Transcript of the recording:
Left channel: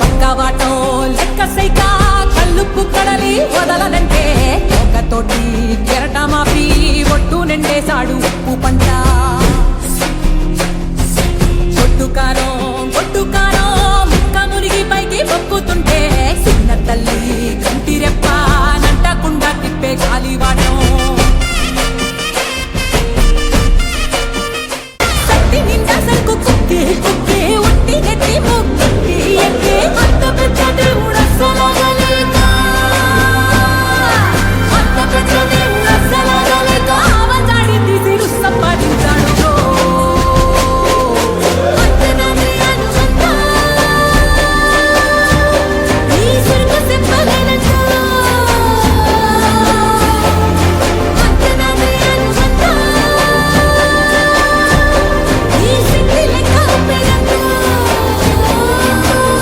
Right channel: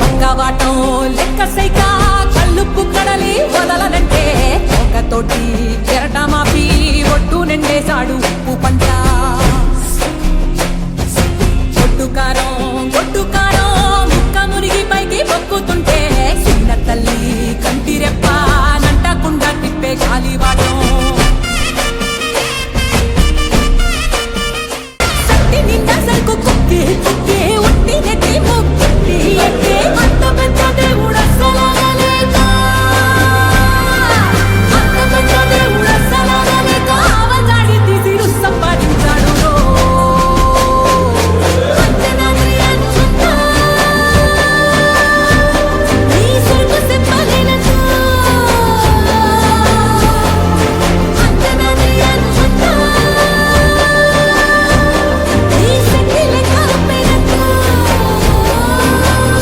పక్కవాటం లెక్క సైక కళ్ళుప్పు కడలి వదలనంటే ఒకతోటి కెరటమాపి ఒట్టు నిండేశాడు ఉప్పు పంట. గొడ్డు కారం ముక్క